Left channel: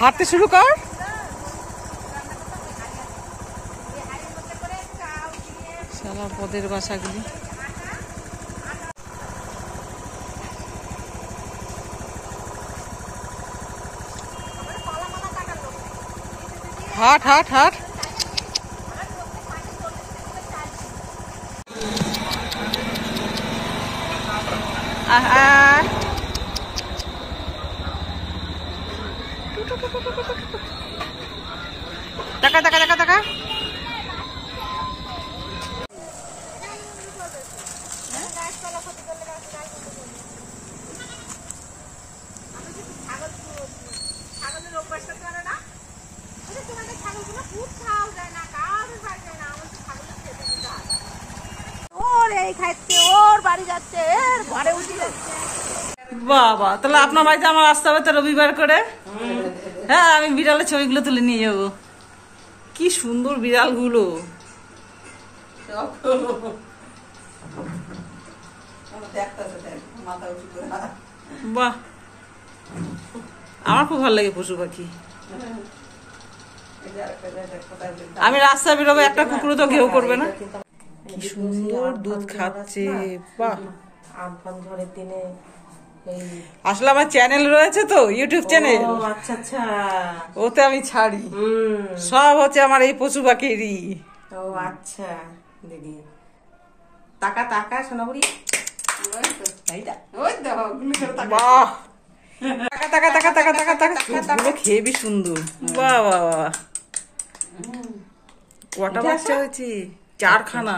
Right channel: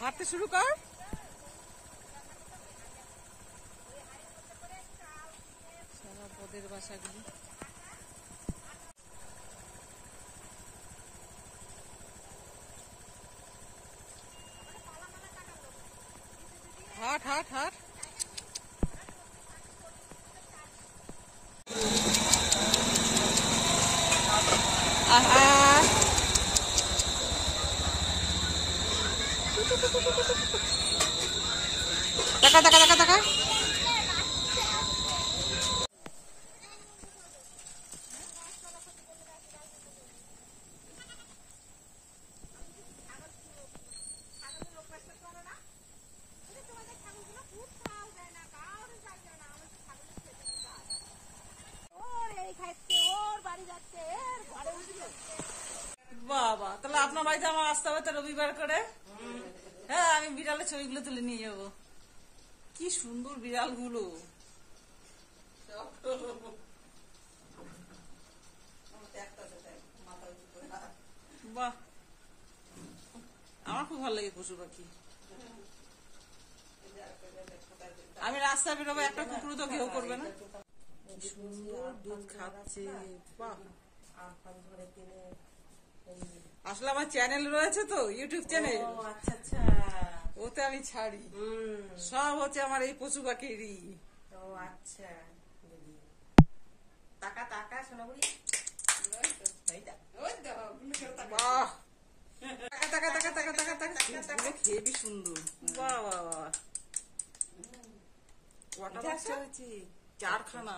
হাঁটতে শুরু কর। সারা পদের বাসাগুলি। হাট হাট হাট। টাকা টাকা টাকা টাকা। বাবা, তাহলে আপনার বাড়িতে আমার আসতে হবে তো রবিবার করে। হ্যাঁ, আমি বিড়ালের ছবিগুলো তুলে নিয়ে যাবো। কি সুন্দর বিড়ালগুলো। বাহ, আমার খুব ভালো লাগে পশু পাখি। আমি রাস্তা বেরোবো, একটা কুকুরও তো ঘেউ করবে না। কি সুন্দর দুধ খাচ্ছে। বাহ, ঝড়ের দিনে আসলে আমার চ্যানেল রয়েছে তো, ইউটিউব চ্যানেল। আচ্ছা আচ্ছা, ওতে আমি ছাড়ি সব হচ্ছে আমার এই পশু পাখিরই। ও আচ্ছা দিদি, টাকা টাকা সোনাবুড়ি। বাহ, টাকা টাকা টাকা টাকা টাকা টাকা। চোখগুলো খেবি সুন্দর। বাহ বাহ বাহ। কটা বাচ্চা হয়েছে? 4খানা।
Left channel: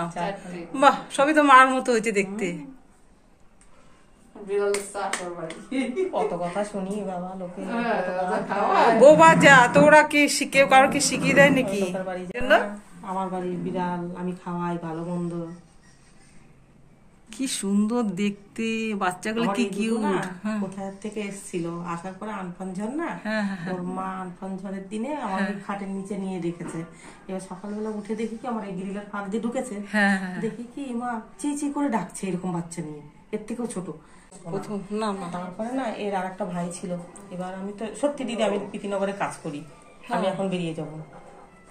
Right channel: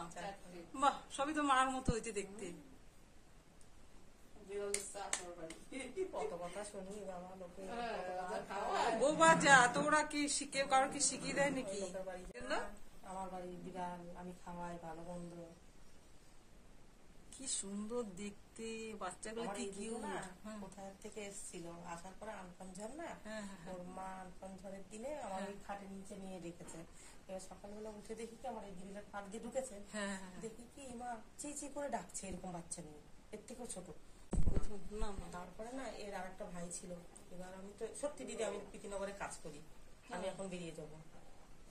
বাহ, সবই তো মার মতো হয়েছে দেখতে। কত কথা শুনি বাবা, লোকে বোবা যা। তো ওরা কি কেউ কারো কি শিখিয়ে দেয় নাকি? আমার বাড়ির বিড়াল আমি খাওয়াই ভালো মন্দ। কি সুন্দর দেখতে বাচ্চাগুলো, কি কিউট। কোথায় থেকে এসেছিল, আসার পরে আনফান ঝড় না, ওর মা আনফান ঝড়ের দিনে আমার খাটের নিচে নিয়ে রেখেছে। এবার সকালবেলা উঠে দেখি কি আমার এই গ্রিলের ফাঁক দিয়ে ঢুকেছে। দেখি কি মা চি চি করে ডাকছে এরকম বাচ্চা নিয়ে, এর থেকেও ছোট। প্রথম না না, তারপরে না এর আর একটা ভাই ছিল। এবার আমি তো সত্যি দিদি, আমি প্রীতিনগরে কাজ করি, আমি এখন বেরিয়ে যাবো।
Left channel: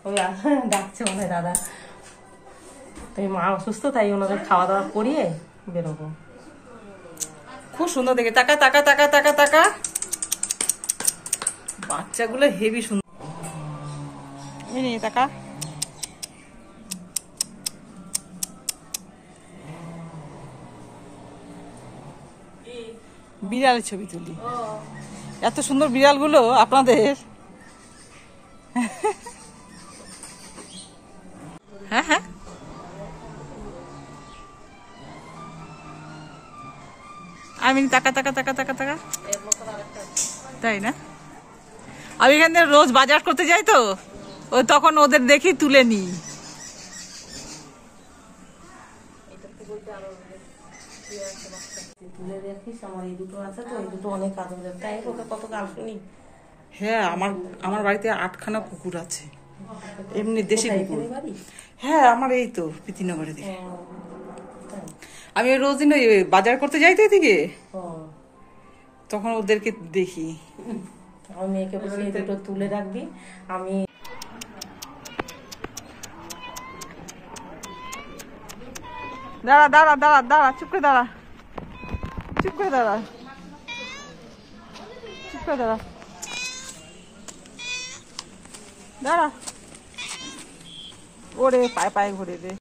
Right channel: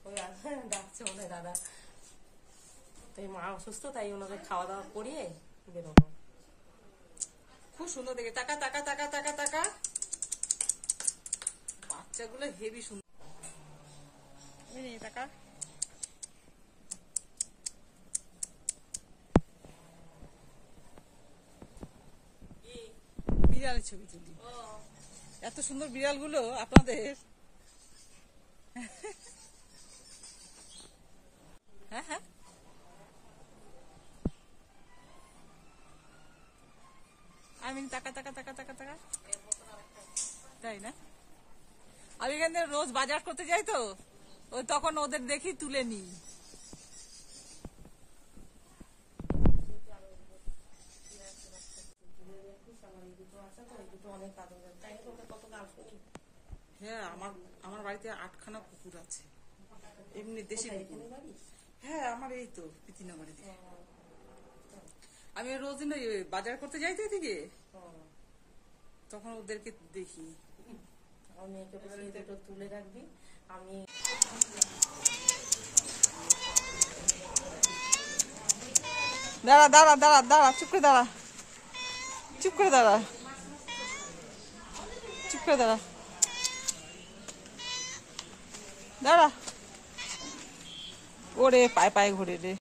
ওই ডাকছে মনে হয় দাদা। তো মা অসুস্থ, তাই ওনাদের খাওয়া দাওয়া করিয়ে বেরোবো। খুব সুন্দর দেখে। টাকা টাকা টাকা টাকা টাকা। বাচ্চাগুলো হেভি সুন্দর। এই নে টাকা। বিড়ালের ছবি তুলি। এত সুন্দর বিড়ালগুলো আপনাদের। হ্যাঁ হ্যাঁ, আমি টাকা টাকা টাকা টাকা টাকা। তাই না? আমি এখানে রোজ বাজার করতে যাই তো, ওই তখন ওদের দেখি তুলে নিই। হ্যাঁ, আমার বাড়িতে 8খানা কুকুর আছে, এমনি দেশি কুকুর। হ্যাঁ, আমার এই তো প্রীতিনগরে দিকে। আমি রোজ দিন বাজার করতে যাই তো এদিকে, তখন ওদেরকে দেখি। আমার মেয়েকে বলি দুটো তুলে রাখবি। আমি দাঁড়া দাঁড়া দাঁড়া দাঁড়া, চুপ করে দাঁড়া, চুপ করে দাঁড়া, চুপ করে দাঁড়া, দাঁড়া। ওরে পায়ে পায়ে ঘুরে রে।